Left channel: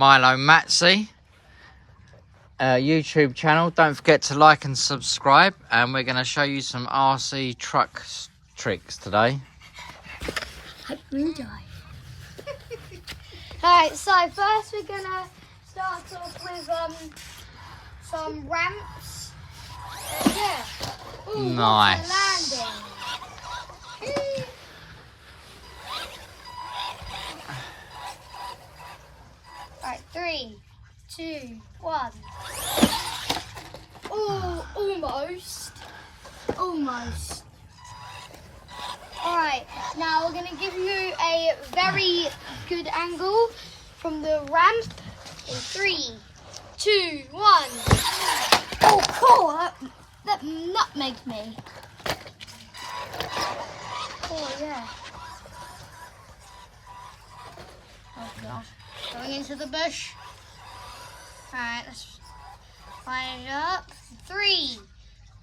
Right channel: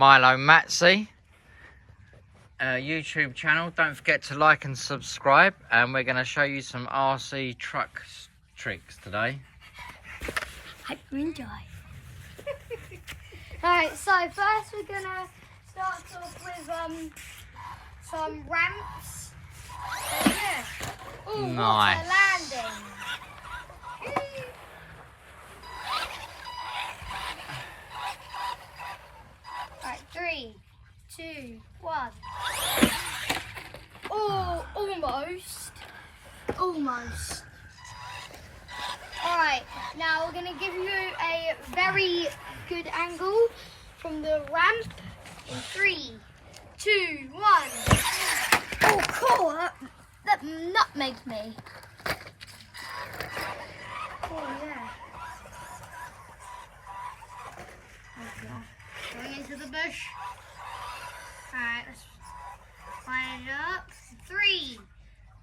Milo Matsy YouTube channel. Don't forget to like and subscribe, and we're going to show you some RC truck tricks today. Hope you enjoy. Alright, so first we're going to start off with some ramps. Yeah. Ooh, nice. Landing. Alright, 3, 2, 1. Oh, almost. Alright, now we're going to give you a very good angle from the ramp in 3, 2, 1. Oh, cool! That nutmegged me. Oh, yeah. Oh, God. Going into the bush. Alright, let's line it up. 3,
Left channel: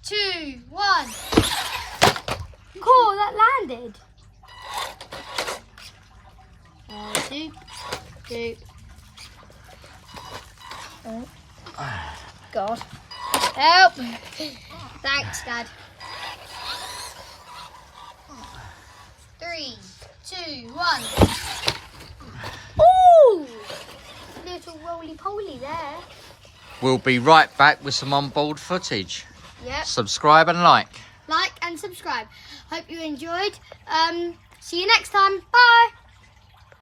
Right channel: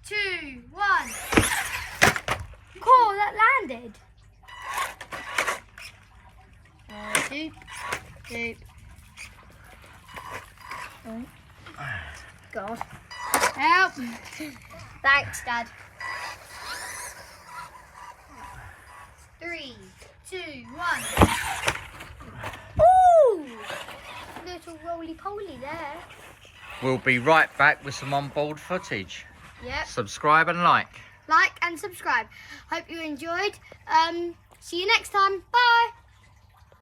2, 1. Cool, that landed. Doop. Oh. God. Help. Thanks, Dad. 3, 2, 1. Ooh! Little roly-poly there. We'll be right back with some onboard footage. Yep. Subscribe and like. Like and subscribe. Hope you enjoyed. See you next time. Bye.